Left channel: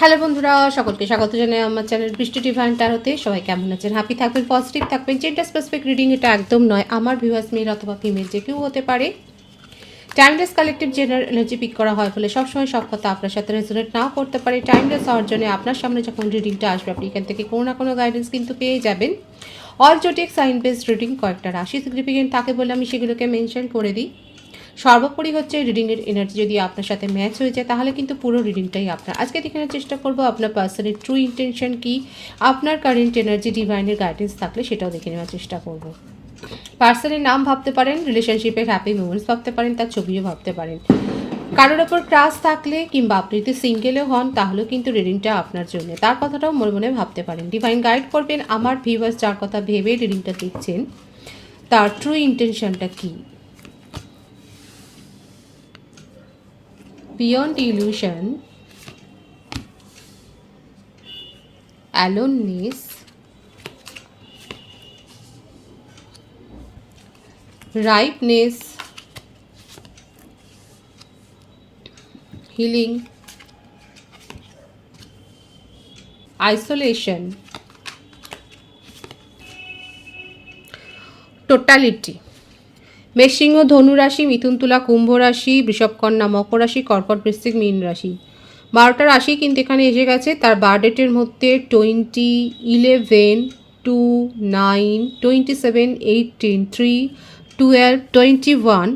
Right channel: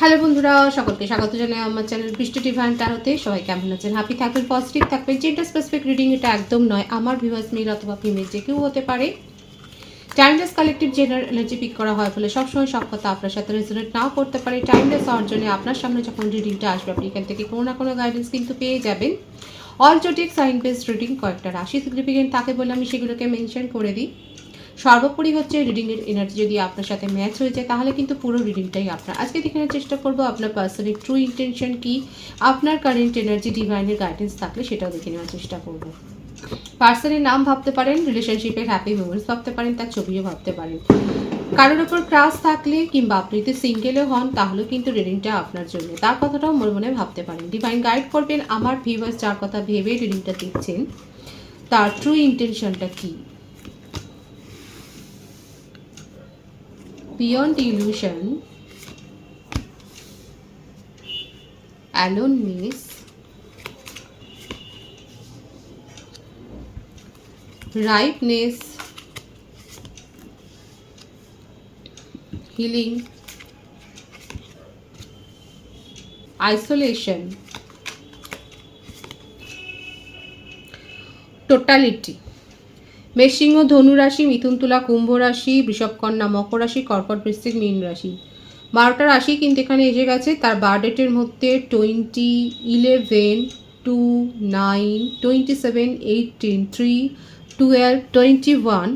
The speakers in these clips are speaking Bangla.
হ্যালো বন্ধুরা, সকলকে স্বাগত জানাই আমার চ্যানেল বৃষ্টি ডিভাইন ট্যারোতে। সবাই কেমন আছেন? হ্যাপি থাকবেন, পজিটিভ থাকবেন। জেন্ডার স্পেসিফিক রিডিং এটা একদম নয়। আমার ভিউয়ার্স মেল অথবা ফিমেল যে কেউ হতে পারে। Timeless collective general energy pick করা হয় বলে সবসময় সব কথা আপনার সাথে রেজোনেট নাও করতে পারে। টাইমলেস হওয়ার জন্য আপনার সামনে যখন রিডিংটা আসবে আপনি এখান থেকে কোনো না কোনো গাইডেন্স কিন্তু পেয়ে যাবেন। All zodiac sign based reading, কয়েকটা রাশি সিগনিফিকেন্ট থাকে বলে আমি সেগুলোকে মেনশন করে দিই। সর্বোপরি হচ্ছে রিডিংয়ের এনার্জি যদি আপনার সাথে ম্যাচ হয়ে যায় তাহলে কিন্তু পুরো রিডিংটাই আপনার। আজকে দেখানোর চেষ্টা করবো আপনার পার্সনের ট্রু ইন্টেনশন কি, আপনার কারেন্ট এনার্জি ডিভাইনের গাইডেন্স থাকলে সেটাও দেখে নেওয়ার চেষ্টা করবো। পার্সনের নাম ভাবতে পারেন, রিলেশনশিপের হ্যাপি মোমেন্টস ভাবতে পারেন, তার ছবিও ভাবতে পারেন। কারোর ওপর ক্রাশ থাকলে কিংবা আপনি যদি সিঙ্গেলও হন তাহলেও কিন্তু রিডিংটা আপনার জন্য, তার কথাটাও মনে মনে ভাবতে পারেন। ডিভাইন গাইড করবেন আমার ভিউয়ার্স যার কথা ভেবে রিডিংটা দেখছেন তার ট্রু ইন্টেনশনটা কী। Beyond illusion, aloneness, ripeness, healing, isolation, totality। মেষসিংহ, ধনু রাশি, মিথুন, তুলা, কুম্ভ রাশি, বৃষভ, কন্যা, মকর রাশি, কর্কট, বৃশ্চিক, মীন রাশি। 12টা রাশি কিন্তু এখানে এসে গেছে। তার বার্থডেটের মধ্যে 20, 11, 2, 9, 27, 18, 3, 12, 21,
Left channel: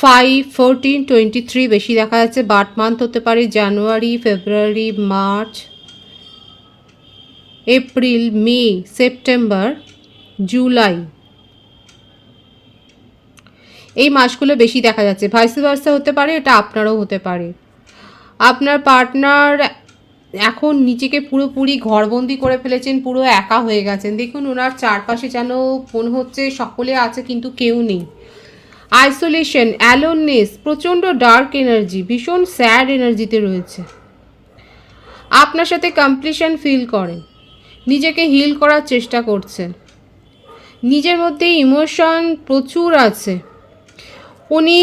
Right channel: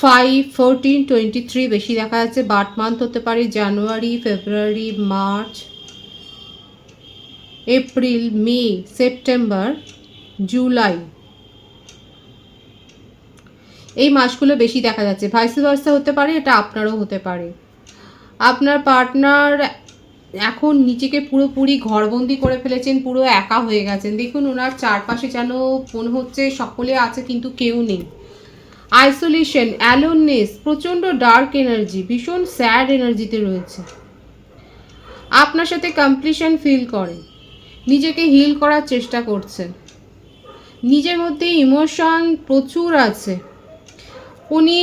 5, 14, 23 বেশি দেখা যাচ্ছে। বার্থ মান্থ হতে পারে জানুয়ারি, ফেব্রুয়ারি, মার্চ, এপ্রিল, মে, সেপ্টেম্বর, জুলাই, এই মাসগুলো বেশি দেখা যাচ্ছে। ভাইস ভার্সা হতে পারে, এটা আপনারও হতে পারে। আপনার পার্টনার এখন নিজেকে পুরোপুরি ঘরবন্দি করে ফেলেছেন, পুরো একা হয়ে গেছেন। দেখুন ওনার চারপাশে যেন মনে হচ্ছে সকলে আছে কিন্তু কেউ নেই। আইসোলেশন, অ্যালোননেস, প্রচণ্ড ডার্ক এনার্জি, ভীষণ স্যাড এনার্জিতে রয়েছে। আপনার সাথে কমপ্লিশন ফিল করেন, নিজেকে হিল করার চেষ্টা করছেন, নিজের মধ্যে ইমোশন প্রচুর আছে। উনি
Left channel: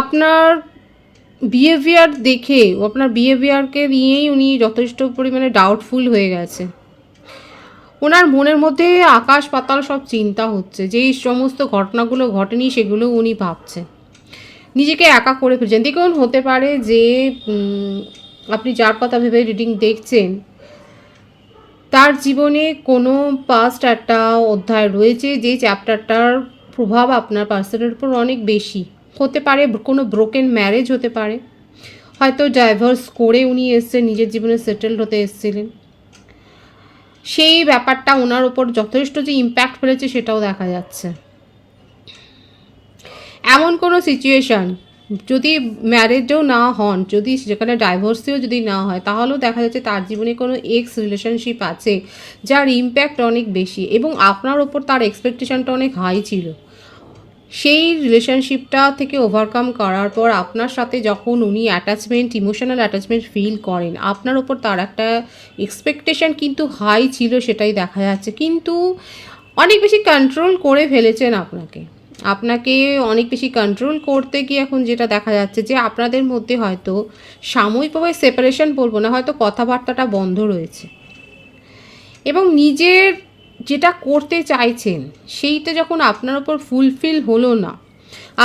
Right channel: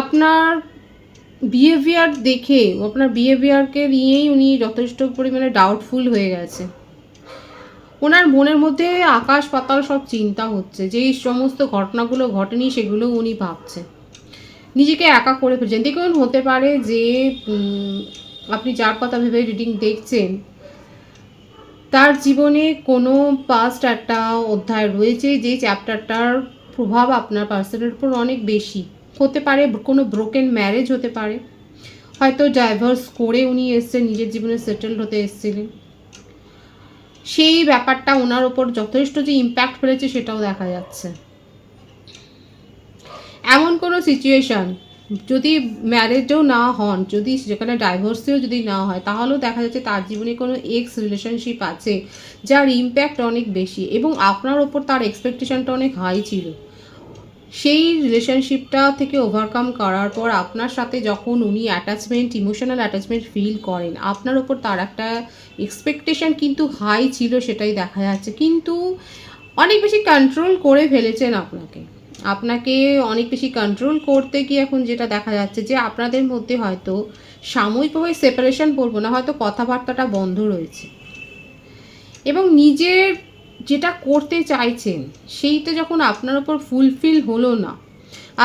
আপনার বিহেভিয়ার দেখে, আপনার বিহেভিয়ারকে নিয়েই উনি যথেষ্ট পরিমাণে ডাউটফুল হয়ে গেছে। ওনার মনের মধ্যে আকাশ পাতাল সব চিন্তা হচ্ছে, যেই সমস্ত ঘটনাগুলো ঘটেনি সেগুলো উনি ভাবছেন। নিজেকে একা করে ফেলছেন। দেখুন হতে পারে যে আপনি যার কথা ভেবে রিডিং দেখছেন তার জীবনে কোনো পাস্ট একটা অধ্যায় রয়েছে যে চ্যাপ্টারটার প্রভাব আপনার পার্সনের উপর অনেক বেশি। হতে পারে কোনো ব্রোকেন ম্যারেজ হতে পারে, হয়তো ডাইভার্স করে উনি এসছেন, নিজের জীবনে সেটেলড হতে এসেছিলেন। সেই ব্যাপারটা ওনার ওপর যথেষ্ট যে ইম্প্যাক্ট ফেলেছে সেটাও দেখা যাচ্ছে। এমন কোনো সিচুয়েশান যদি ম্যারেজও না হন, যদি যেখানে ডাইভোর্সেও যদি না হয়, তাহলেও দেখা যাচ্ছে তার জীবনে কোনো এক্স রিলেশনশিপ আছে যার ইম্প্যাক্ট অনেক বেশি এবং আপনার ওপর তার এক্সপেকটেশনটা অনেক হাই ছিল। সেই রিলেশনশিপটা থেকে ওভারকাম করার পর আপনার সাথে যখন উনি অ্যাটাচমেন্ট, ইমোশনাল অ্যাটাচমেন্ট ফিল করেন, আপনার ওপর তার একটা এক্সপেকটেশন কিন্তু হাই ছিল, সেটাই দেখা যাচ্ছে। কিন্তু অনেক বেশি কন্ট্রোল করে ফেলেছেন আপনাকে অনেক বেশি কন্ট্রোল করতে গিয়ে এখন যেটা দেখা যাচ্ছে যে আপনাদের মধ্যে হয়তো সাময়িকভাবে সেপারেশন বলবো না, হয়তো কথাবার্তাটা বন্ধ রয়েছে এবং নিজের যেটা করতে চাইছেন সেইটা যখন আপনার ওপর ফুলফিল হলো না,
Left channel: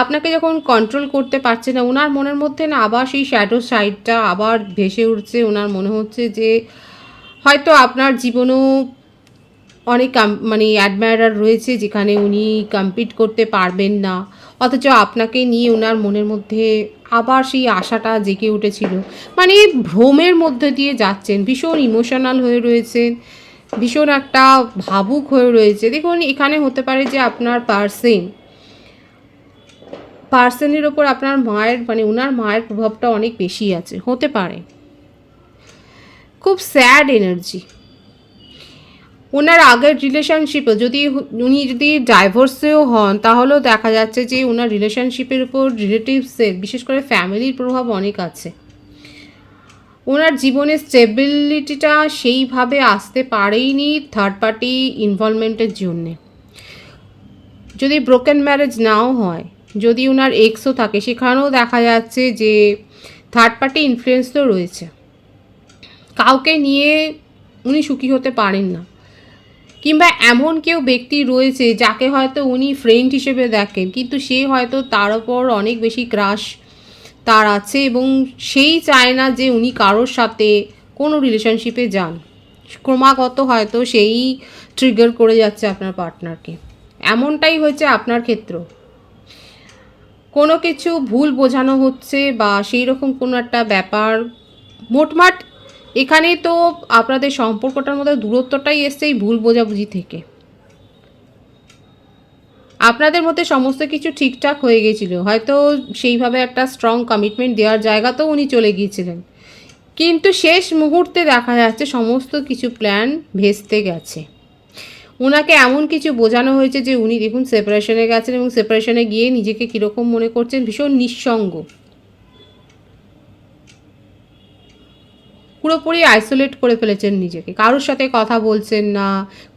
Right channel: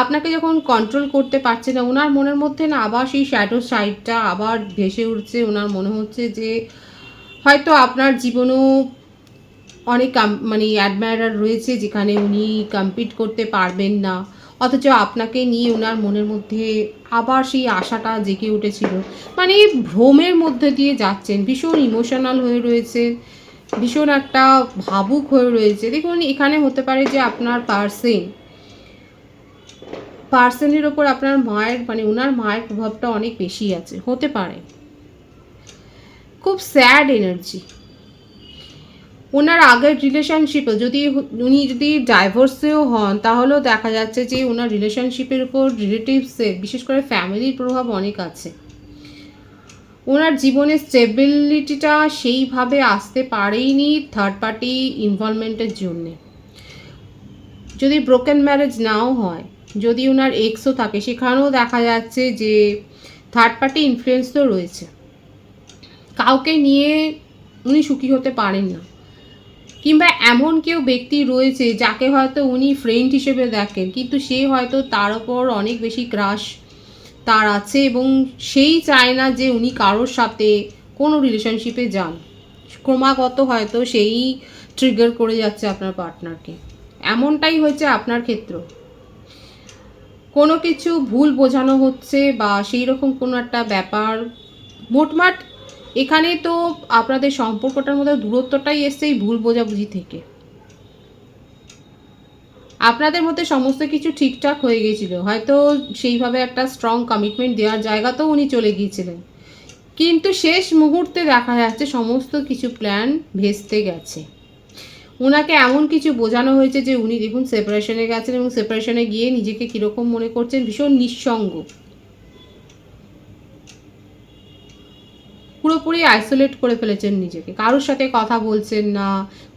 আপনাকে যখন কন্ট্রোল করতে পারছে না, ওনার মনের মধ্যে না আবার সেই শ্যাডো সাইডটা আবার ভেসে উঠছে। ওনার মনে হচ্ছে যে হয়তো আপনার জীবনেও অনেক মানে অ্যাডমায়ারার রয়েছে যেখানে উনি কম্পিট করতে পারবেন না, অথচ আপনাকে নিয়ে ওনার মনের মধ্যে আবার সেই আশাটা জেগে উঠেছিল। মানে ভ্রমের মধ্যে দিয়ে যাচ্ছেন, ভীষণ ইমোশনাল হয়ে রয়েছেন, ভীষণ একটা ভাবুক হয়ে রয়েছে। দেখুন এখানে হতে পারে যে আপনার পার্সনের ওপর আপনার মায়ের মানে ওনার মায়ের প্রভাবটা অনেক বেশি আছে, হতে পারে। খুব স্যাড এনার্জি। ওনার আগের রিলেশনশিপে উনি যদি ডাইভোর্সেও হন তাহলেও দেখা যাচ্ছে যে ওনার রিলেশনশিপের উপর রিলেটিভসের, বিশেষ করে ফ্যামিলির প্রভাব অনেক আছে। ওনার জীবনে স্টেবিলিটিটা সেইভাবে আসতে পারেইনি থার্ড পার্টি ইনভলভমেন্টের জন্যে। যদি ব্রোকেন ম্যারেজ নাও হয়, যদি ওনার এক্সও থাকে, সেখানেও দেখা যাচ্ছে যে থার্ড পার্টি ইনফ্লুয়েন্স তো রয়েছে, কাউকে নিয়ে উনি সুখী হতে পারেন না, কিংবা এমন কেউ ব্যক্তি রয়েছে যাকে হয়তো উনি ফ্রেন্ড হিসেবে দেখেন, কিন্তু সে হয়তো তার ওপর অনেক বেশি ক্রাশ তার আছে এবং সেই চায় না যে উনি কারোর সাথে কোনো রিলেশনশিপে যান। ক্রমাগত হয়তো সেই ট্রিগার করে যাচ্ছে আপনার পার্টনারকে। এমনটাই হয়েছে আপনার ক্ষেত্র, কোনো কিছু ভুল বোঝানো হচ্ছে বা সেই রকম কোনো একটা ব্যাপার। মোটমাট এখানে তো আপনাদের সম্পর্কটার মধ্যে দূরত্বটাই এসছে এই ভুল বোঝাবুঝি থেকে। আপনাদের মধ্যে সমস্ত কিছু ঠিকঠাক হয়ে গেছিল, হয়তো সেইভাবে একটা স্ট্রং কমিটমেন্ট দেওয়ার জায়গাতেও উনি চলে গিয়েছিলেন, কিন্তু শেষ মুহূর্তে দেখা যাচ্ছে সমস্ত কিছু প্ল্যান ভেস্তে গেছে। ওনাকে এমন কিছু বোঝানো হয়েছে যে উনি দেখুন সেপারেশনে গেছেন এবং সেপারেশনে গিয়ে নিজেকে কীরকম মনে করছেন, ভীষণ নিঃসঙ্গ, পুরোপুরি আইসোলেট করে ফেলেছেন নিজেকে, কারোর সাথে কথা বলছেন না,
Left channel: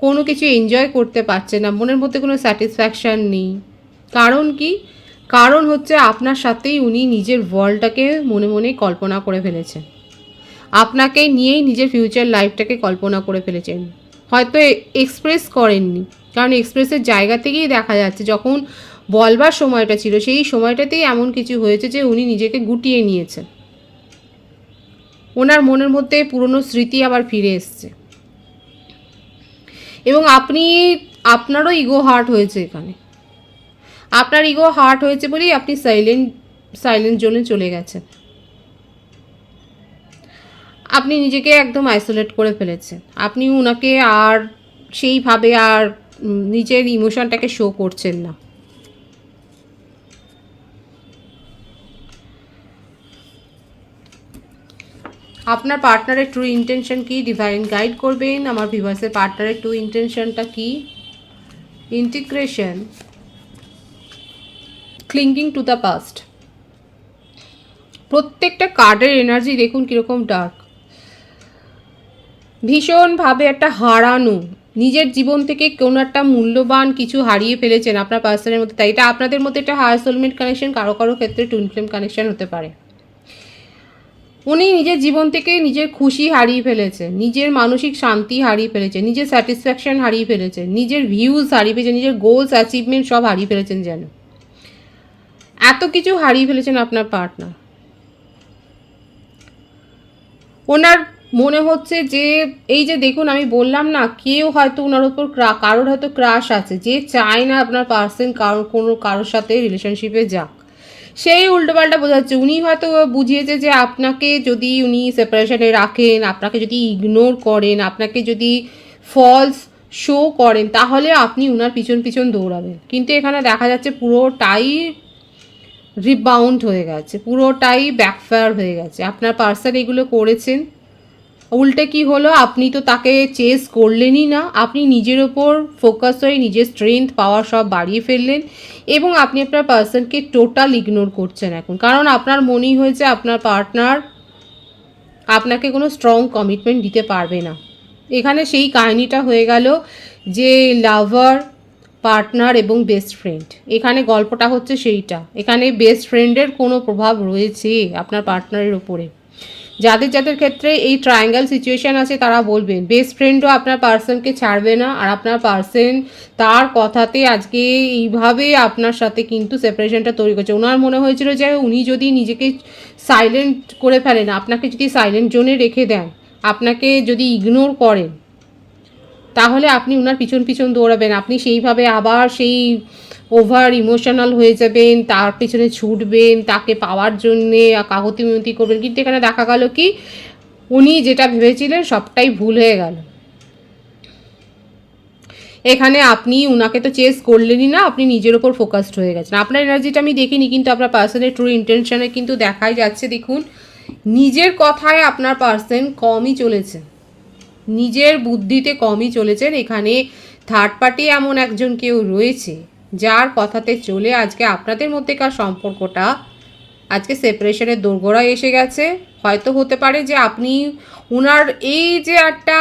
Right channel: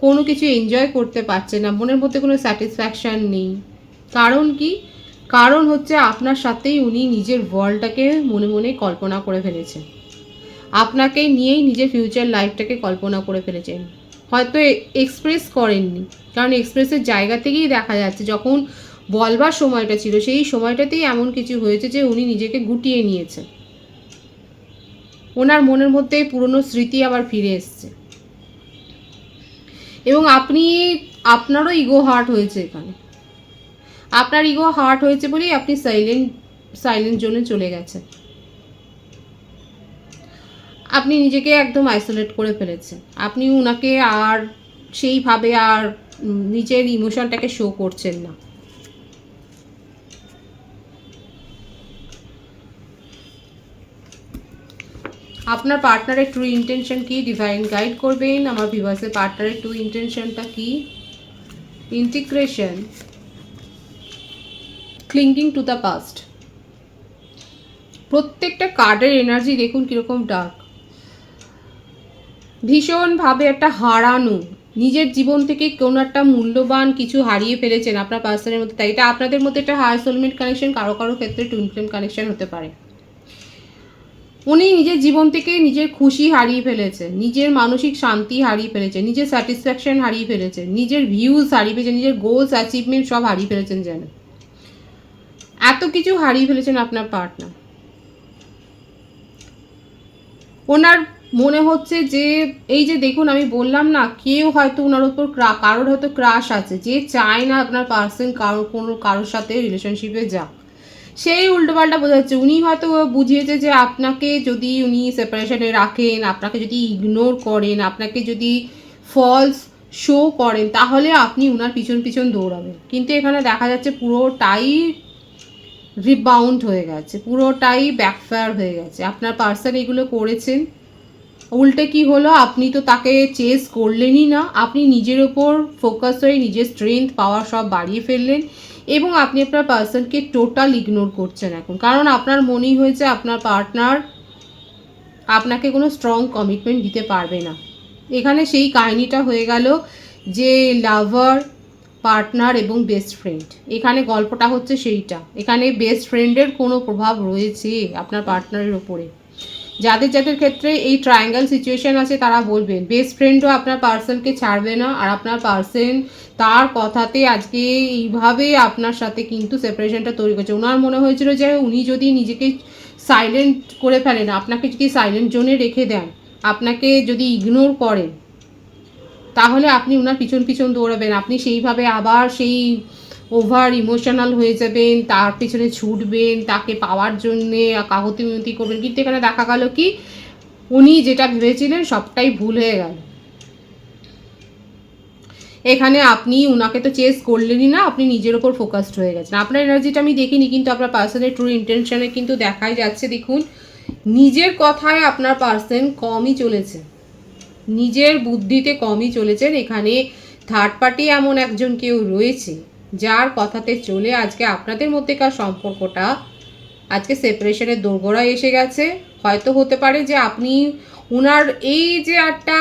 কোনো কিছু এনজয় করতে পারছেন না, মনের মধ্যে কোনো স্যাটিসফ্যাকশান নেই। কারণ কি? কারণ হচ্ছে আপনার সাথেই উনি নিজের ওয়ার্ল্ডটাকে মনে মনে কল্পনা করে ফেলেছেন, আপনাকে নিয়েই নিজের ফিউচার লাইফটাকে কল্পনা করে ফেলেছেন। হয়তো এক্সপ্রেস করেননি, কারণ এক্সপ্রেসের জায়গা থেকেই দেখা যাচ্ছে যখন বলবার সময়টা ছিল সেই সময়টাতেই এমন কিছু হয়েছে যে উনি নিজেকে গুটিয়ে নিয়েছেন, ওনার মনের মধ্যে পুরনো স্মৃতি আবার ফিরে এসছে এবং আপনারও ইগো হার্ট হয়েছে এখানে। আপনার ইগো হার্ট হয়েছে বলেই আপনি সাইলেন্ট জোনে চলে গেছেন, আপনি নিজেকে একদম আইসোলেট করে ফেলেছেন, আপনি ওনাকে আর সেইভাবে আর নিজের ইমোশনটাকে শো করছেন না। আপনার পার্টনারের ট্রু ইন্টেনশন কি ডিভাইন গাইড করবেন। আমার ভিউয়ার্সের পার্টনারের ট্রু ইন্টেনশনটা কি? Integration, ক্লিঙ্গিং to the past. প্রত্যেকটা কার্ডের এনার্জি দেখুন কীরকম ডার্ক, ভীষণভাবে একটা হারানো, নিজের জীবন থেকে কোনো একটা মূল্যবান কিছু হারিয়ে ফেলেছেন আপনার পার্সনের মধ্যে। তাই এটা আপনাদের মধ্যে একটা হায়ার সোলমেট কানেকশন, কারো কারো ক্ষেত্রে টুইন ফ্লেম কানেকশন হতে পারে। উনি নিজের জীবন থেকে নিজের খুশি হারিয়ে ফেলেছেন, নিজের মানসিক শান্তি হারিয়ে ফেলেছেন, নিজের স্যাটিসফ্যাকশন হারিয়ে ফেলেছেন, নিজের ভিউজ হারিয়ে ফেলেছেন, নিজের গোলস অ্যাচিভমেন্ট সব হারিয়ে ফেলেছেন। যেন এত কিছু হারিয়ে ফেলেছেন আপনার পার্টনার। ওনার মনে হচ্ছে যে এই যে দেখুন আমি বললাম না, কেউ হয়তো ওনার ওপর কারোর হয়তো ক্রাশ আছে, যে চায় না আপনার পার্সন কারোর সাথে রিলেশনশিপে যাক, সেই উল্টোপাল্টা বোঝাচ্ছে। উনি হয়তো বুঝিয়েছে যে আপনাকে যদি উনি সেপারেশনে রাখেন, আপনাকে যদি ইগনোর করেন, আপনাকে যদি ফলস শো করেন, তাহলে আপনি ওনার পিছন পিছন দৌড়াবেন। কিন্তু এখানে দেখা যাচ্ছে পুরোটাই রিবাউন্ড হয়ে গেছে, পুরোটাই ব্যাকফায়ার হয়ে গেছে। আপনার পার্সন এগুলো করেছেন, উল্টে কি হলো, আপনি তো তাকে চেস করলেনই না, আপনি নিজের ওপর ফোকাস হয়ে নিজের স্ট্রেংথ পাওয়ার সব বাড়িয়ে ফেললেন এবং আপনি আপনার পার্সনকে টোটাল ইগনোর করছেন এখন। কারণ আপনার মনেই হয়েছে আপনার পার্টনার আপনাকে কোনো স্ট্রং কমিটমেন্ট দিতে পারবে না। এখানে সেই কাহিনীটা হয়ে গেল যে লাভার, পার্টনার এবং বেস্ট ফ্রেন্ড, এখানে গল্পটা হচ্ছে সেইটা। এখানে বেস্ট ফ্রেন্ডের কোনো প্রভাব রয়েছে আপনার পার্টনারের উপরে। যাদের যাদের ক্ষেত্রে এই ট্রায়াঙ্গেল সিচুয়েশান আছে তারা বলবেন বেস্ট ফ্রেন্ডও আপনার পার্সনকে ছাড়বে না, আর আপনার পার্সন তার কথাতে আজকে এইভাবে আপনার সাথে কিন্তু সেপারেশনটা তৈরি করছে। ওনার মনে হয়েছিল যে উনি যদি নিজেকে সাইলেন্ট করে ফেলেন, আপনাকে যদি সাইলেন্ট জোনে রেখে দেন, আপনাকে যদি ইগনোর করেন, তাহলে আপনি ওনার পিছন পিছন দৌড়াবেন, আপনি সেইভাবে আবার সেই ওভার ইমোশনাল হয়ে যাবেন, তার পিছনে ছুটবেন, তাকে পাওয়ার জন্যে কাকুতি মিনতি করবেন। কিন্তু এখানে দেখা গেল কি উনি যেটা ভেবেছিলেন সবটাই ভুল হয়ে গেল। এখানে আপনি উনাকে তো চেস করলেনই না, আপনি নিজের ওপর ফোকাসড হয়ে গেছেন। আপনার এনার্জিটা আমি দেখিনি, কিন্তু আপনার পার্সনের ট্রু ইন্টেনশনে কিন্তু দেখাই যাচ্ছে। দেখুন নিজের কথায় আপনার পার্সন কমই চলেছে, নিজের বুদ্ধিতে কমই চলেছেন। এখানে থার্ড পার্টি এমন একজন কেউ রয়েছে যার কথাতে চলে আজকে আপনাদের মধ্যেকার সম্পর্কটা আজকে সেপারেশনের দোরগোড়ায় এসে গেছে। হয়তো হতে পারে যে আপনি ওনার এই যে একটা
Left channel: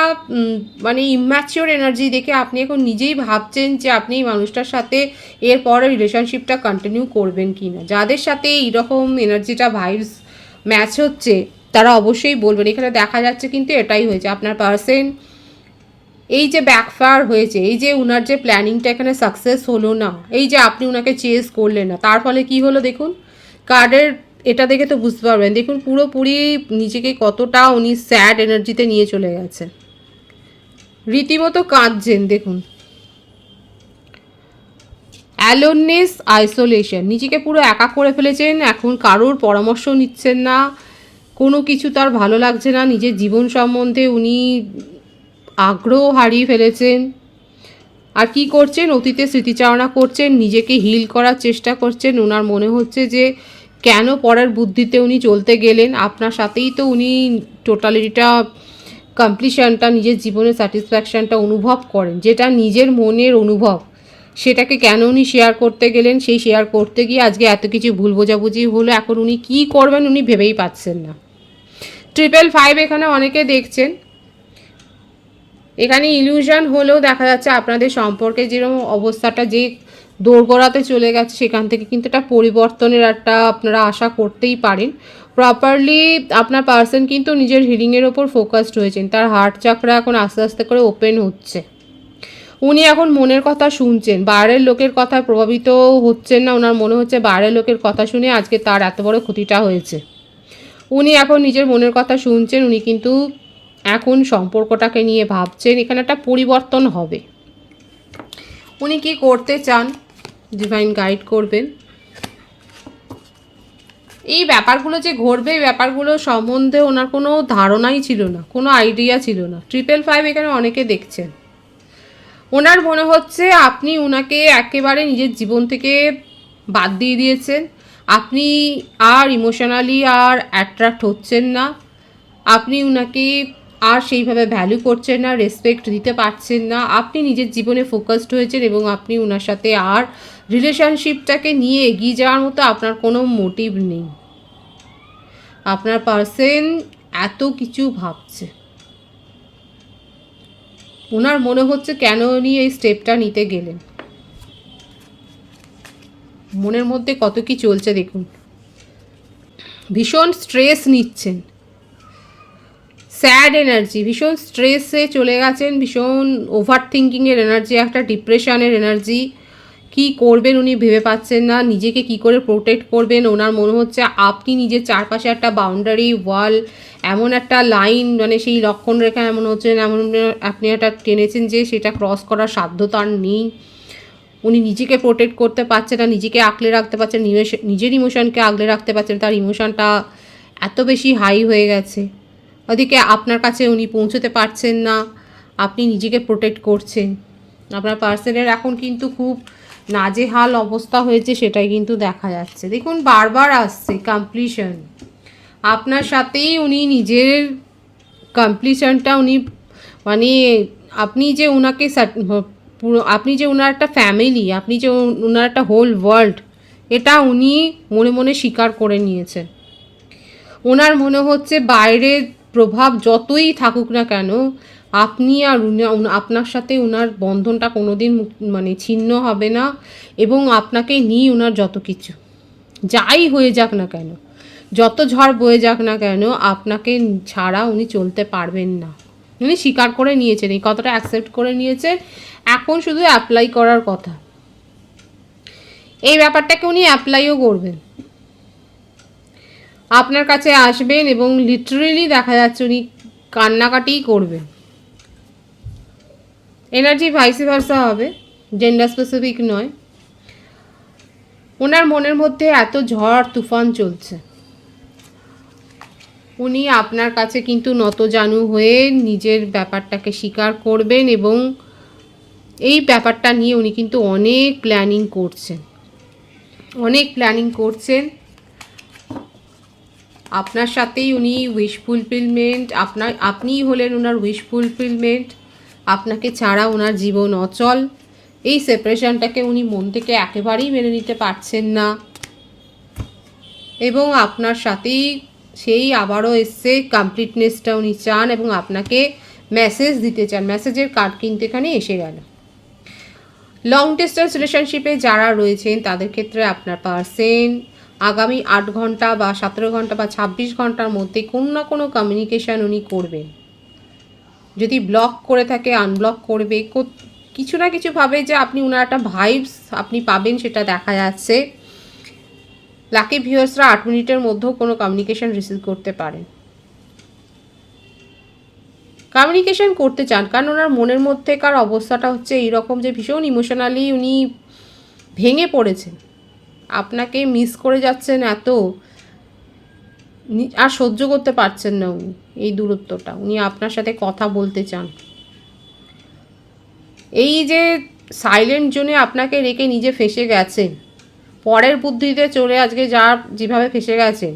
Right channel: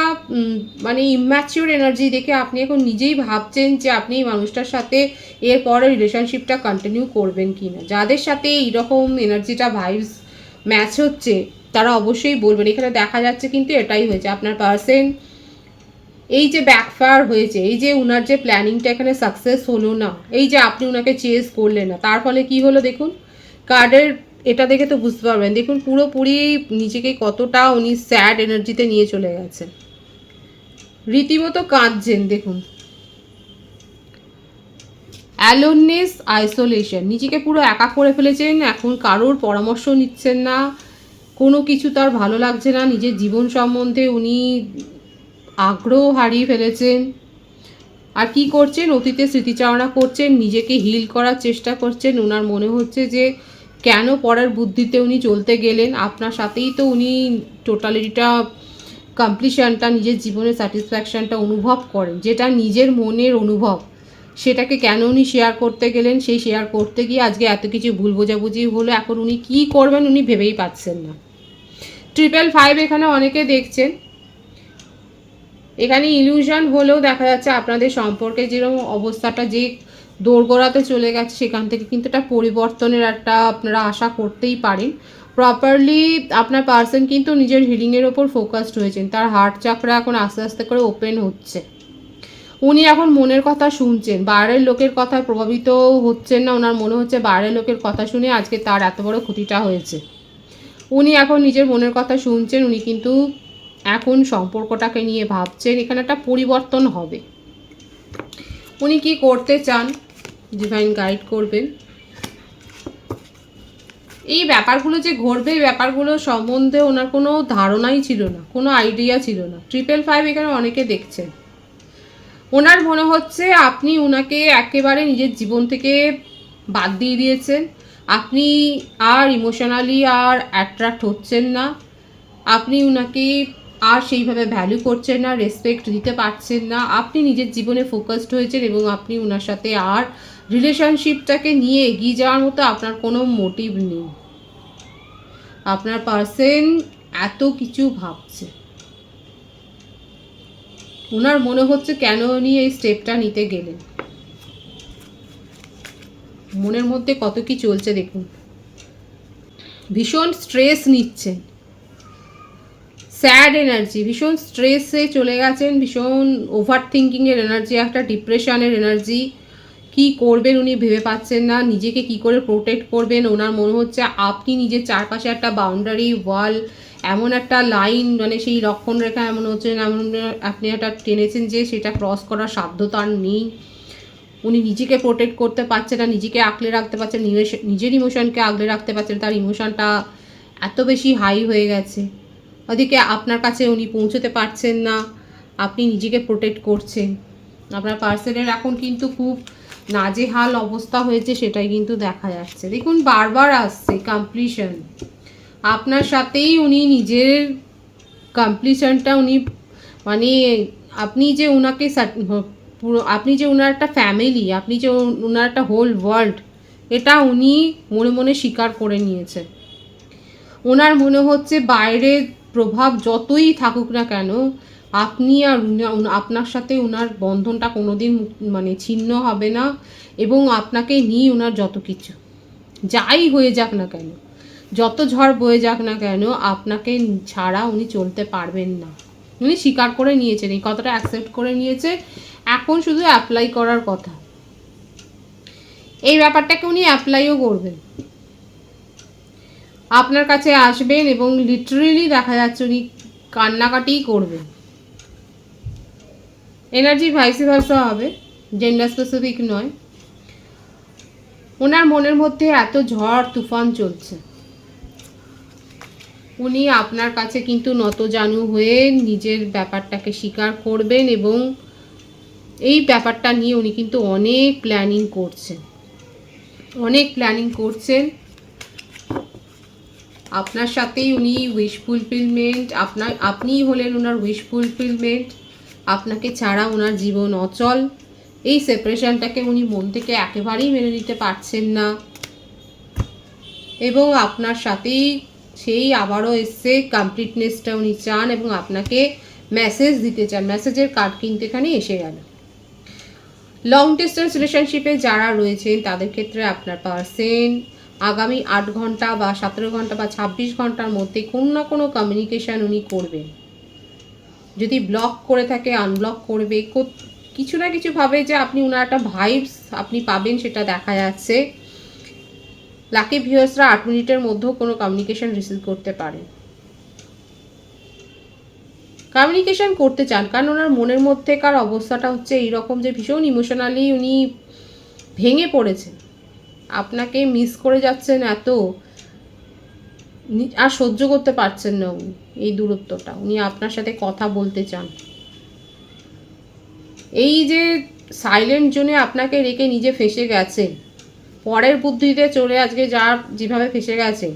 মানে ইম্যাচিওর এনার্জি দেখে আপনি এখন নিজেই ভাবছেন যে আপনি এই মানুষটার সাথে এরপরে রিলেশনশিপটা কন্টিনিউ করবেন কি না। যাদের সাথে এইরকম এনার্জিটা ভাইবস ম্যাচ হচ্ছে তারা অবশ্যই বলবেন। এখানে দেখা যাচ্ছে কিন্তু এটাই হয়েছে, আপনার পার্সন এই যে ব্যাকফায়ার হয়েছে, এই যে উনার যে প্ল্যানিংটা এখানে সাকসেস হলো না, এই যে আপনি উনাকে চেস করলেন না, তার ফলে কি হলো দেখুন কার্ডের এটা দেখে তো বুঝতে পারবেন। দেখুন পুরোপুরি নিজেকে কতটা উনি স্যাড এনার্জিতে নিয়ে চলে গেছে, রীতিমতো কাঁদছেন। দেখুন অ্যালোননেস, আইসোলেশন, নিজেকে পুরো একা করে ফেলেছেন। এখন কারোর পরামর্শ নিচ্ছেন না, কোনো কিছু তার ভালো লাগছে না, নিজের জীবন সম্বন্ধে উনি আগ্রহ হারিয়ে ফেলেছেন। আর কি করছেন, অতীতে স্মৃতিচারণা করছেন, নিজেকে হিল করার চেষ্টা করছেন। ওনার মনে হচ্ছে যে কেন পরের বুদ্ধিতে উনি চলতে গেলেন, আপনার সাথেই তো উনি টোটালিটা কমপ্লিশনটা, নিজের জীবনের স্যাটিসফ্যাকশানটা অনুভব করেন, যেটা নিজের মনের অনুভব, সেটাকে কেন উনি শেয়ার করতে গেলেন। সেই শেয়ার করতে গিয়ে আজকে এত কিছু ভুল বোঝাবুঝি হলো, এখন উনি কী করবেন উনি ভেবেই পাচ্ছেন না। 555 এখানে অনেকে দেখছেন, এখানে ইলিউশন হলেও দেখা যাচ্ছে আপনাদের সম্পর্কে যেরকম অবস্থাটা যে দোরগোড়াতে চলে গেছে, সেখান থেকে কিন্তু একটা পরিবর্তনের একটা আপনারা আশা করতেই পারেন। প্রপারলি আপনার পার্সন কিন্তু নিজের হিলিংয়ের ওপর ফোকাসড হয়েছেন, তার হার্ট চাকরা এখন আস্তে আস্তে করে ওপেন হচ্ছে। উনি এখন মনের কথা শুনছেন, বাইরের লোকের কথায় প্রভাবিত হচ্ছেন না। ওনার মনে হচ্ছে বাইরের লোকের কথা শুনে আজকে তার এত বড় ক্ষতিটা হয়েছে। উনি এখন নিজের মনের কথা শুনছেন, উনি কিন্তু এখন সম্পর্কটাকে নিয়ে ভাবছেন, এখানে একটা পরিবর্তন হবে। উনি কি করতে চান, ডিভাইন গাইড করবেন। এই ব্যাপারগুলো যে ঘটবে, এই ব্যাপারগুলো সম্বন্ধে ওনার কোনো ধারণাই ছিল না, কোনো আইডিয়া ছিল না। 555 এখানে অনেকে দেখছেন, ওনার মনে হচ্ছে আপনি ওনাকে একেবারে নিজের জীবন থেকে বাদ দিয়ে দিয়েছেন। আপনি আর ইমোশনালি আর অ্যাট্রাক্ট হচ্ছেন না, আপনি ওনাকে আর সেইভাবে ভ্যালু করছেন না, রেসপেক্ট দিতে পারছেন না। আপনি নিজের জীবনে ফোকাসড হয়েছেন এবং আপনি ওনার সাথে আর রিলেশনশিপটাকে নিয়ে এগিয়ে যাওয়ার মতো আপনার কোনো মোটিভ নেই। আপনার পার্সন এত কিছু ভাবছে, ওনার মনে হচ্ছে কেন উনি এই স্টেপটা নিতে গেলেন, মনের মধ্যে কত কি চলছে দেখুন। ভীষণ স্ট্রেস নিচ্ছেন, স্যাড এনার্জি, ভীষণ স্ট্রেসে চলে গেছেন, ভীষণ ওভার থিঙ্কিংয়ের এনার্জি, একটা ডিপ্রেশনের এনার্জি। কি করবেন উনি ভেবে পাচ্ছেন না, নিজেকে কি করে প্রোটেক্ট করবেন। ওনার মনে হচ্ছে আপনি নিজের চারপাশে একটা বাউন্ডারি ওয়াল, এমন একটা লাইন, মানে সেই লক্ষণ রেখা এমন হচ্ছে, এমন আপনি একটা টেনেছেন যে সেটা ক্রস করার সাধ্য তার নেই। উনি নিজেকে প্রোটেক্ট করতে পারছেন না, নিজেকে আঁকলে রাখতে পারছেন, নিজের ইমোশনকে আগলে রাখতে পারছেন। তার ইমোশনটা এত বেশি হাই হয়ে গেছে, ওদিকে আপনার কাছে উনি পৌঁছতে পারছেন না, আপনি নিজেকে প্রোটেক্ট করছেন। আপনার পার্সনের এখন কিন্তু খুব নাজেহাল অবস্থা হয়েছে, সেটাই কিন্তু দেখা যাচ্ছে। দেখুন বারবার আসছে কমপ্লিশন, আপনার সাথেই উনি নিজের কমপ্লিশনটা উনি, মানে আপনি যে ওনাকে পুরো, আপনি যে ওনার একটা ফ্যামিলি, আপনি যে ওনার একটা হোল ওয়ার্ল্ড, এটা উনি মনে মনে স্বীকার করে নিয়েছেন। ওনার মনে হচ্ছে বাইরের প্রভাব যতই থাকুক না কেন, আপনি আর আপনার সাথে ওনার বন্ধনটা কোনোদিন মানে ছিন্ন হবে না। এবং আপনাকে নিয়ে ওনার যত কিছু যাই হয়ে যাক না কেন, যত ঝড় বয়ে যাক না কেন, আপনাকে ছাড়া উনি চলতে পারবেন না। উনি স্বীকার করে নিয়েছেন, এই কথাটা অ্যাকসেপ্ট করে নিয়েছে, এখন শুধু অ্যাপ্লাই করার কথা। এই ব্যাপারটাকে উনি অ্যাপ্লাইও করবেন, আপনার কাছে আসবেন এবং লিটারেলি দেখা যাচ্ছে উনি কান্নাকাটিই করবেন। এনার্জি ভাইস ভার্সা হবে, জেন্ডার স্পেসিফিক নয়। ওনার মনের মধ্যে এত ঝড় তুফান চলছে, উনি আপনার কাছে কিন্তু নতজানু হয়ে নিজের ব্যাপারটাকে স্বীকার করবেন এবং এই ব্যাপারটা নিয়ে উনি কিন্তু অনেক প্ল্যানিং করছেন, অনেক প্ল্যানিং করছেন। আপনার সাথেই উনি উইশ ফুলফিলমেন্ট, আপনিই হলেন ওনার উইশ ফুলফিলমেন্ট। আপনাকে ছাড়া ওনার জীবন অচল। এই সেপারেশনটাকে উনি মন থেকে একেবারেই মেনে নিতে পারছেন না এবং আপনার সাথেই সেই আবারও এসছে কমপ্লিটনেসটা উনি চান এবং আপনাকে মেসেজ দিতে চান। মেসেজের কার্ড কিনতে এখানে এসে গেল। লং ডিস্টেন্স রিলেশনশিপে যারা রয়েছেন তাদের ক্ষেত্রে আপনার পার্সন আগামী 8 ঘন্টা বা 17 ঘন্টা বা 26 ঘন্টার মধ্যে কোনো না কোনো কমিউনিকেশান উনি করবে। যদি ব্লক করে থাকে আনব্লক করবে, কিছু না কিছু ভাবে যে আপনি ওনার একটা ভাইবস আপনি পাবেন, সেটা দেখা যাচ্ছে। লাকি ভিউয়ার্সরা 8 মিনিটের মধ্যেও কোনো কমিউনিকেশান রিসিভ করতে পারে, কমিউনিকেশান করতে চান, কারণ ওনার মনের মধ্যেকার অবস্থাটা হচ্ছে এইরকম যে ভীষণ ইমোশনালি উনি ভেঙে পড়েছেন, আপনাকে মিস করে যাচ্ছেন এত, আর সহ্য করতে পারছেন না উনি এই দূরত্বটা, উনি আপনার সাথে কথা বলতে চান। এই যে সাইলেন্ট জোনে আপনাকে রেখে নিজে ফেঁসে গেছে, পরের বুদ্ধিতে চলে আজকে যেভাবে ফেঁসে গেছে,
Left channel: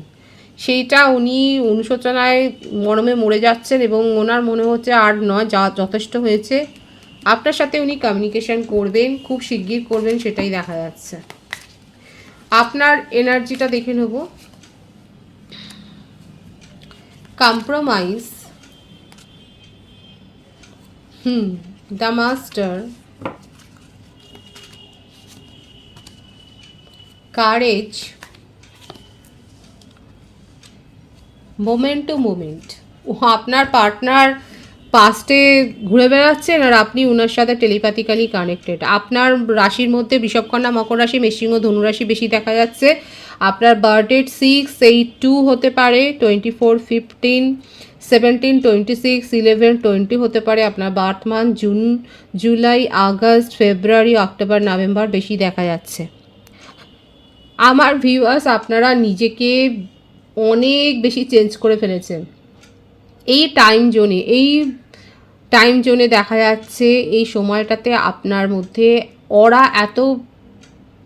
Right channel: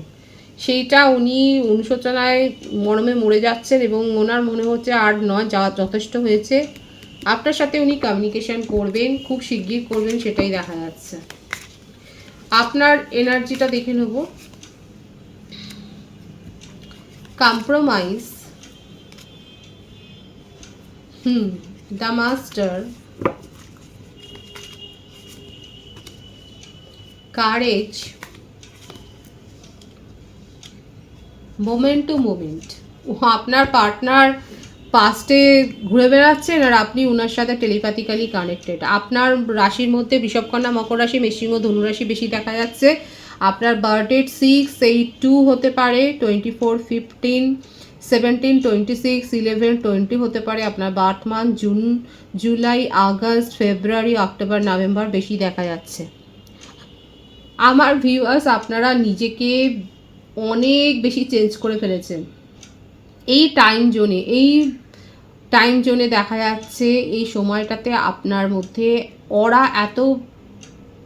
সেইটা উনি অনুশোচনায় মরমে মরে যাচ্ছেন এবং ওনার মনে হচ্ছে আর নয়, যথেষ্ট হয়েছে। আপনার সাথে উনি কমিউনিকেশন করবেন, খুব শিগগির করবেন, সেটাই দেখা যাচ্ছে। আপনার এনার্জিটা দেখে নেব। Compromise, the master, courage, moment to moment. আপনার পার্টনার পাস্টে ঘুরে বেড়াচ্ছেন আর আপনি ওনার সাথে টেলিপ্যাথিক্যালি কানেক্টেড। আপনার রাশির মধ্যে বৃষভকন্যা, মকর রাশি, মেষসিংহ, ধনুরাশি বেশি দেখা যাচ্ছে। আপনার বার্থডেট 6, 8, 2 হতে পারে, 24, 15, 17, 26, 11, 20 হতে পারে। আপনার birth month June, July, August, February, October, November বেশি দেখা যাচ্ছে। আমার ভিউয়ার্স, আপনারা নিজেকে অনেক বেশি চেঞ্জ করে ফেলেছেন এই টাইম জোনে দেখা যাচ্ছে। এই সময়টাতে আপনার মধ্যে অরা এত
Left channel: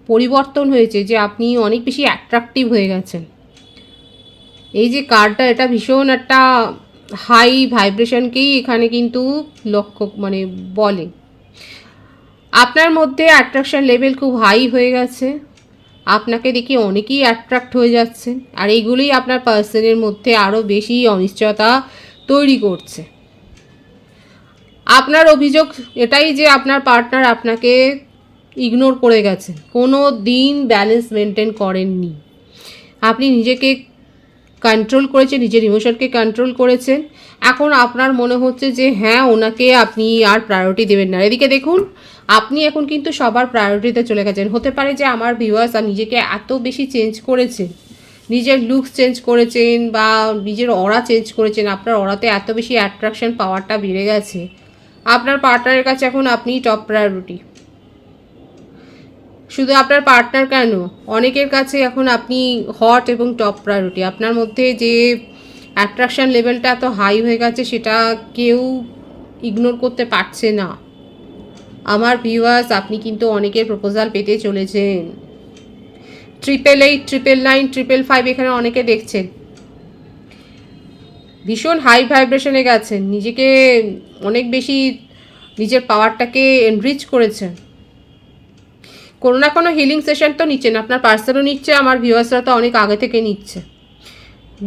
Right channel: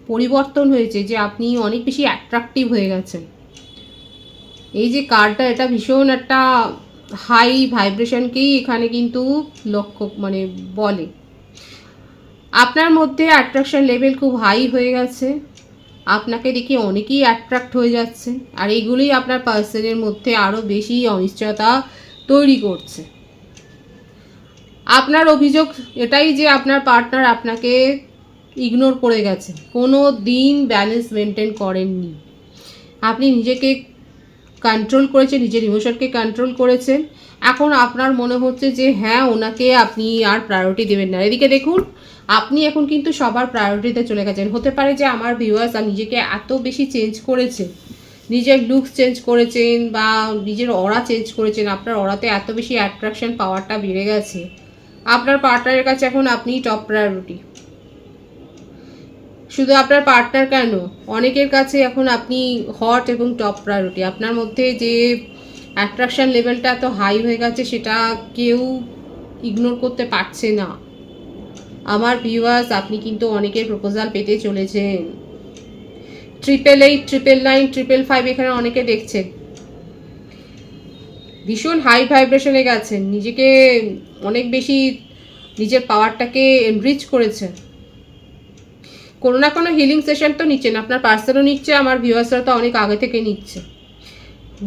পরিবর্তন হয়েছে যে আপনি অনেক বেশি অ্যাট্রাকটিভ হয়ে গেছেন। এই যে কার্ডটা, এটা ভীষণ একটা হাই ভাইব্রেশনকেই এখানে কিন্তু লক্ষ্য বলে। আপনার মধ্যে অ্যাট্রাকশন লেভেল খুব হাই হয়ে গেছে, আপনাকে দেখে অনেকেই অ্যাট্রাক্ট হয়ে যাচ্ছে, আর এইগুলোই আপনার পার্সনের মধ্যে আরও বেশি অনিশ্চয়তা তৈরি করছে। আপনার অভিযোগ এটাই যে আপনার পার্টনার আপনাকে ইগনোর করে গেছে, কোনো দিন ব্যালেন্স মেনটেন করেননি। আপনি নিজেকে কন্ট্রোল করেছেন, নিজের ইমোশনকে কন্ট্রোল করেছেন। এখন আপনার মনে হচ্ছে যে হ্যাঁ, ওনাকে আপনি আর প্রায়োরিটি দেবেন না। এদিকে দেখুন, আপনি এখন কিন্তু সবার প্রায়োরিটিতে চলে গেছেন। হতে পারে যে আমার ভিউয়ার্স নিজেকে এত বেশি চেঞ্জ করেছেন, নিজের লুকস চেঞ্জ করেছেন বা নিজের অরা চেঞ্জ করেছেন, আপনার অরাতে এত বেশি অ্যাট্রাকশন পাওয়ারটা বেড়ে গেছে, আপনার পার্টনারের কাছে এখন আপনিই টপ প্রায়োরিটি। শুধু আপনার পার্টনার কেন, অনেকের কাছে এখন আপনি হট এবং টপ প্রায়োরিটি। আপনার মধ্যে যে অ্যাট্রাকশন লেভেলটা এত হাই হয়ে গেছে, সেটা কেউ ইগনোর করতে পারছে না। আমার ভিউয়ার্স, আপনি কিন্তু অনেকের প্রপোজাল পেতে চলেছেন। 888, 999, 555 এখানে অনেকে দেখছেন। ভীষণ হাই ভাইব্রেশনে গেছেন, নিজেকে অনেক বেশি নিজের পাওয়ারটাকে এনরিচ করেছেন। কোনো না কোনো হিলিং সেশন তো নিচ্ছেন, আপনার পার্সনও নিচ্ছে, আমার ভিউয়ার্সরা তো অনেক আগে থেকে নিচ্ছে।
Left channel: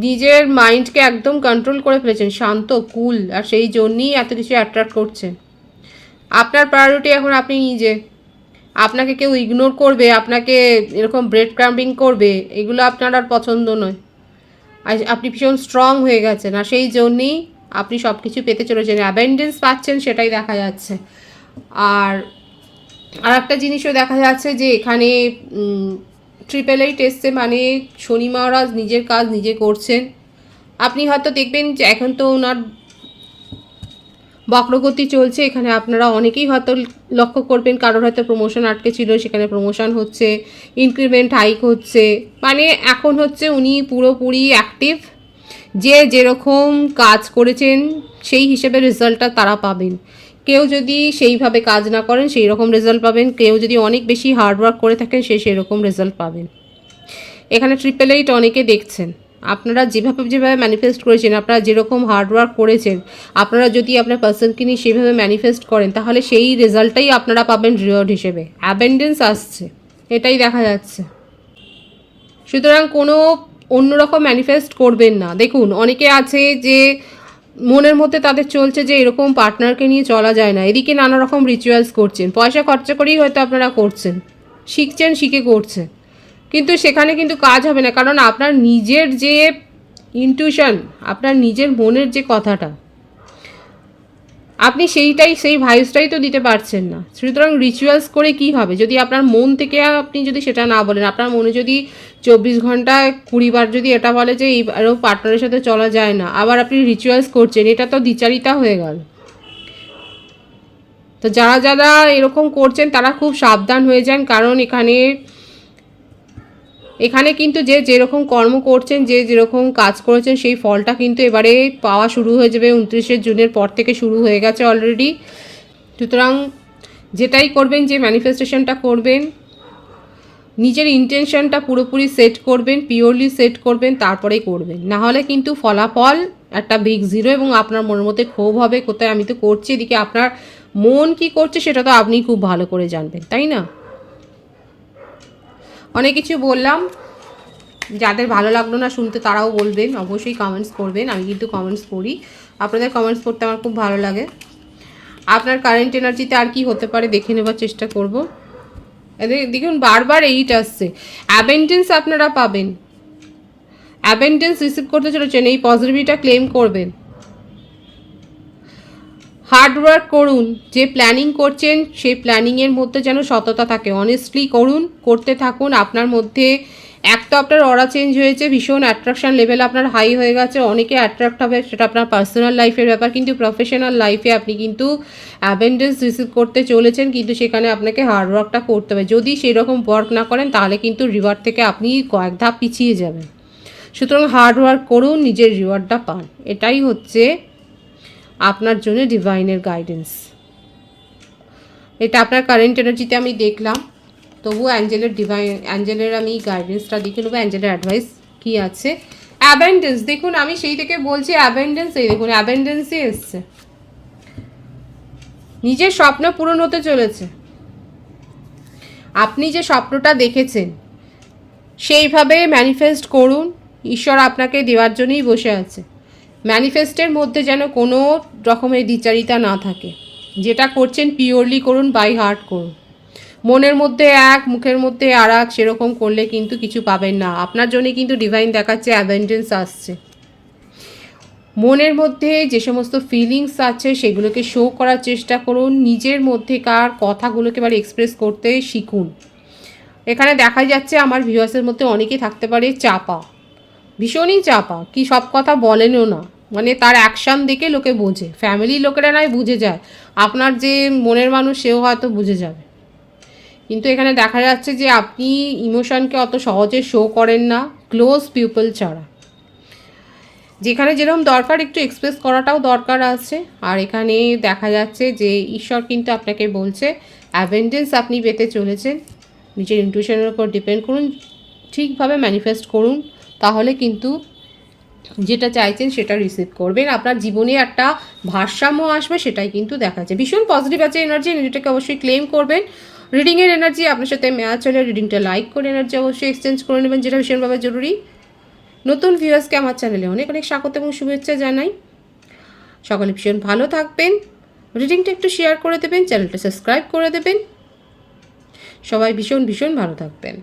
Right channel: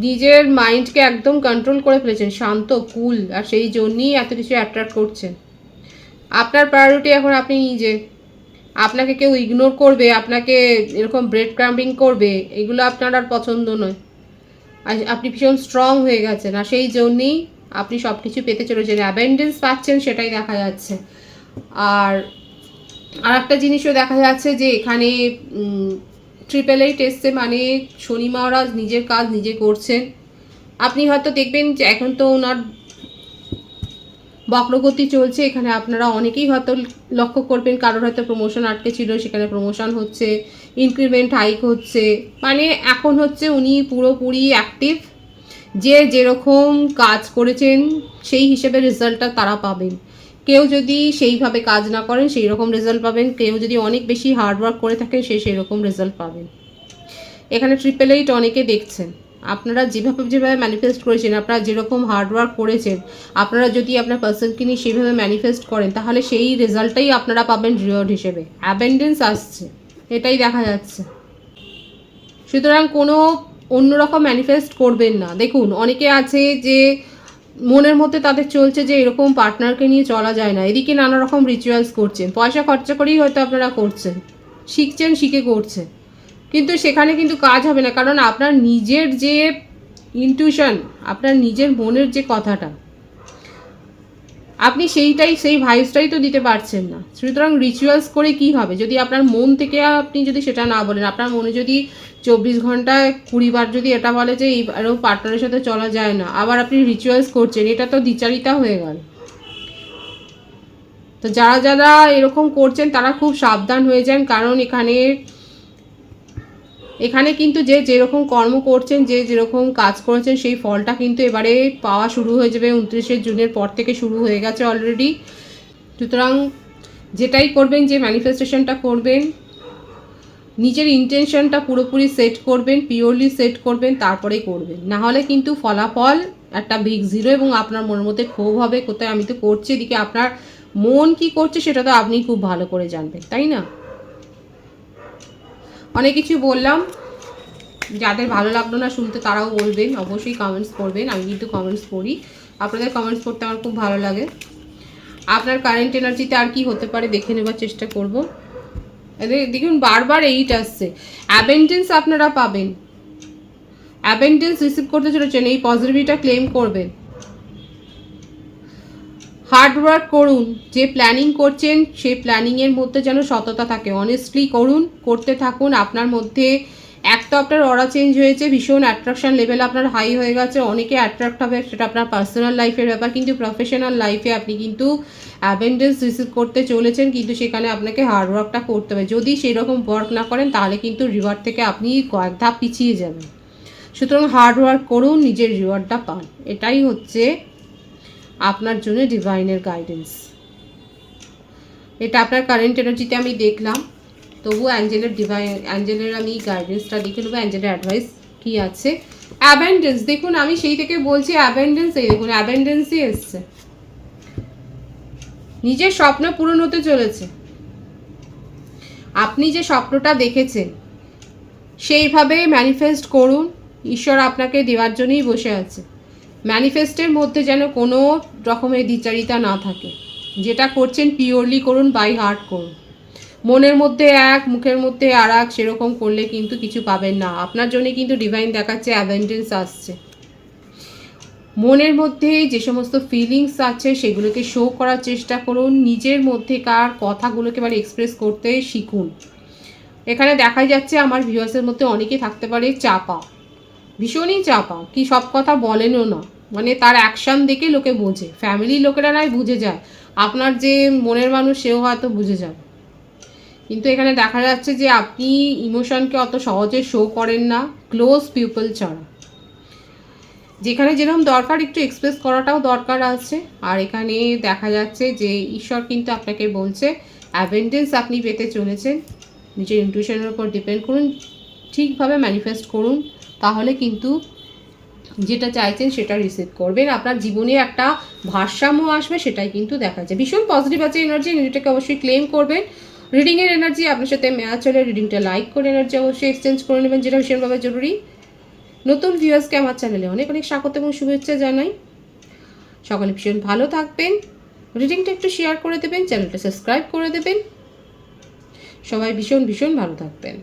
নিজের মাইন্ডকে একদম কন্ট্রোল করে ফেলেছেন, শান্ত, কুল, আর সেই জন্যই এত কিছু অ্যাট্রাক্ট করছেন। আপনার প্রায়োরিটি এখন আপনি নিজে। আপনাকে কেউ ইগনোর করবে, আপনাকে এরকম ব্রেড ক্রাম্বিং করবে, এগুলো আপনার আর পছন্দ নয়। আর আপনি ভীষণ স্ট্রং হয়ে গেছেন, আর সেই জন্যেই আপনি সব কিছু পেতে চলেছেন, অ্যাবেন্ডেন্স পাচ্ছেন, সেটাই দেখা যাচ্ছে। আর একটা জিনিসও দেখা যাচ্ছে যে এখানে 888 এসছে, মানে শনি মহারাজ নিজের কাজ নিজে করছেন। আপনি হয়তো দেখবেন যে এখন তো ওনার বক্রগতি চলছে, এখানে আপনারা অনেকেই হয়তো লক্ষ্য করবেন কারোর হয়তো প্রমোশন আটকে ছিল, সেখানে প্রমোশন হচ্ছে, ইনক্রিমেন্ট হাইক হচ্ছে, মানে এখন হচ্ছে উনি পুরোপুরি অ্যাক্টিভ। যে যেরকম কাজ করেছেন সেই হিসেবে রেজাল্টটা তারা পাবেন। কেউ যদি সেইভাবে কাজ না করেন সেই রকম রেজাল্ট পাবেন, কেউ যদি অনেক বেশি হার্ডওয়ার্ক করে থাকেন সেই রকম রেজাল্ট পাবেন। এখানে 888 অনেকে দেখছেন, আপনারা যেভাবে ম্যানিফেস্ট করেছেন, আপনারা যেরকম হার্ডওয়ার্ক করেছেন, আপনারা যদি আপনার পার্সনকে নিয়ে সেভাবে ম্যানিফেস্ট করেন, তাহলে সেই রেজাল্টটাই আপনারা পাবেন রিওয়ার্ড হিসেবে। অ্যাবেন্ডেন্স আসছে, এটাই দেখা যাচ্ছে। সুতরাং কোনো অন্যরকম ম্যানিফেস্ট করবেন না। দেখুন, অনেকে আছে যে মনের মধ্যে তাদের চলছে যে এরকম পার্টনারকে নিয়ে চলা যায় না, এদিকে নানা রকম রিচুয়ালস করছেন, পয়সা খরচা করেই হয়তো আপনারা করছেন, শিখছেন, শিখে করছেন। কিন্তু সেখানে কিন্তু কাজ হবে না, কারণ আপনার নিজের যে ইনটিউশন, আপনার নিজের মনের যে কথাটা, আপনি সেই ভাইবসটাই তো দিতে পারছেন না। সুতরাং রিচুয়ালস করে কি হবে যদি আপনার মন থেকে আপনি যদি সেটা না বলেন? আপনার মনে যদি 24 ঘন্টায় 20 বার যদি এটা বলে যে আরও পার্টনারের সাথে চলা যায় না, আবার আপনি রিচুয়ালস করছেন, এটা তো দ্বিচারিতা হয়ে গেল। তো যারা যারা এরকম করছেন তারা খুব সাবধান হয়ে যান, কারণ এখানে কিন্তু যে যেরকম কর্ম করছেন, যে যেরকম কাজ করেছেন, সেই ফলটা কিন্তু এবারে পাওয়া শুরু হয়ে যাবে। 29শে জুনের পর থেকে শুরু হয়ে গেছে অলরেডি। সুতরাং যেটাই করবেন, যে ম্যানিফেস্টেশনটা করবেন, নিজের ইন্টেনশনটা পুরোপুরি সেট করবেন, পিওরলি সেট করবেন, তারপরেই করবেন। না হলে কিন্তু ফলাফল একটা বিগ জিরো, এবং আপনার মনের মধ্যে ক্ষোভ হবে, কোথায় আমি তো করছি, এদিকে আপনার মন কি করছে সেটা তো আপনি খুব ভালো করে জানবেন, তাই না? অনেক কিছু বললাম, যাদের ভালো লাগলো না শুনতে তারাও বলবেন, অবশ্যই কমেন্টস করবেন। আমি কিন্তু কমেন্টস পড়ি, আপনাদের কমেন্টস পড়তে আমার খুব ভালো লাগে। আপনার কারেন্ট এনার্জিতে আর কি হতে পারে দেখে নেবার চেষ্টা করব। দেখুন বারবার 8 আসছে, অ্যাবেন্ডেন্স আপনারা পাবেন, অ্যাবেন্ডেন্স রিসিভ করতে চলেছেন, এই পজিটিভিটিটা ক্লেম করবেন। হার্ডওয়ার্ক করুন, যে প্ল্যানিং করছেন সেই প্ল্যানিংয়ের মধ্যে যেন সততা থাকে, অনেস্টলি করুন, করতে থাকুন। আপনার মধ্যে এক তো আপনার অরা চেঞ্জ হয়েছে, ভীষণ অ্যাট্রাকশন লেভেল আপনার হাই হয়ে গেছে, অনেকে অ্যাট্রাক্ট হবে, সেটা আপনার পার্সোনাল লাইফের ব্যাপার, কিন্তু প্রফেশনাল লাইফে আপনি কিন্তু অ্যাবেন্ডেন্স রিসিভ করতে চলেছেন, কিন্তু সেখানে আপনাকে হার্ডওয়ার্কটা করতে হবে। যদি সেরকম ওয়ার্ক না করেন তাহলে কিন্তু রিওয়ার্ড থেকে আপনি কয়েক ধাপ পিছিয়ে যাবেন। সুতরাং হার্ডওয়ার্ক করুন, নিজের রিওয়ার্ডটা পান, এটাই হচ্ছে আপনার জন্য ডিভাইনের গাইডেন্স। এটা আপনার কারেন্ট এনার্জিতে আমি দেখলাম, তবু অ্যাঞ্জেলের আমি গাইডেন্সটা দেখে নেবো, অ্যাঞ্জেলের অ্যাডভাইস কি আছে। অ্যাবেন্ডেন্স, দেখুন আমি সেই থেকে বলছি অ্যাবেন্ডেন্স, এই দেখুন অ্যাবেন্ডেন্সই এসছে। নিজের স্বপ্ন পূরণ হতে চলেছে, আপনি যে স্বপ্নটা দেখেছেন সেইভাবে ম্যানিফেস্ট করুন, ঈশ্বর আপনাকে দেওয়ার জন্যই বসে আছে। ম্যানিফেস্টের মধ্যে যেন কোনো রকমের দ্বিচারিতা না থাকে, যেটা করছেন পিওরলি করুন, বাই হার্ট করুন। মনের মধ্যে এক, মুখের মধ্যে আর এক, সেরকম করলে কিন্তু কিছু পাবেন না। আপনার জন্য কিন্তু ডিভাইন দেখাচ্ছে অ্যাবেন্ডেন্স আসছে। মনের মধ্যে যে সমস্ত ফিলিংস আছে সেগুলোকে শো করার চেষ্টা করুন, নিজের মধ্যেকার কথাগুলোকে এবার এক্সপ্রেস করতে শিখুন। এখানে দেখা যাচ্ছে আমার ভিউয়ার্সের মধ্যে অনেকে থাকতে পারে চাপা, ভীষণই চাপা, কি সব কথা বলেনও না, মানে তার অ্যাকশান দেখে লোকে বোঝে, ফ্যামিলির লোকেরা নয় বুঝে যায়, আপনার যে মনের মানুষ সেও হয়তো বুঝে যাবে। কিন্তু এখানে দেখা যাচ্ছে যে আপনি ইমোশনকে অত সহজে শো করেন না, ক্লোজ পিপল ছাড়া। যেখানে যেরকম দরকার একটু এক্সপ্রেস করাটাও দরকার আছে। আর এখানে দেখা যাচ্ছে যে ঈশ্বর কিন্তু আপনাকে বলছে অ্যাবেন্ডেন্স আপনি পেতে চলেছেন। নিজের ইনটিউশনের উপর ডিপেন্ড করুন, ঠিকভাবে ম্যানিফেস্ট করুন, তাহলে কিন্তু যেটা চাইছেন সেটা রিসিভ করবেন। আপনার জীবনে একটা ভারসাম্য আসবে, সেটাই কিন্তু দেখা যায়। ভীষণ পজিটিভ আছে এনার্জি, এনার্জিটাকে অবশ্যই ক্লেম করবেন। রিডিংয়ের এনার্জি আপনার সাথে ম্যাচ হলে রিডিংটা লাইক করে এনার্জি অবশ্যই এক্সচেঞ্জ করে নেবেন, যেটা ভীষণভাবে জরুরি। নতুন ভিউয়ার্সকে আমার চ্যানেলে অনেক অনেক স্বাগত এবং শুভেচ্ছা জানাই। সকলে ভীষণ ভালো থাকবেন, রিডিংটা একটু শেয়ার করে দেবেন, চ্যানেলটা সাবস্ক্রাইব করে দেবেন। সবাই ভীষণ ভীষণ ভালো থাকবেন।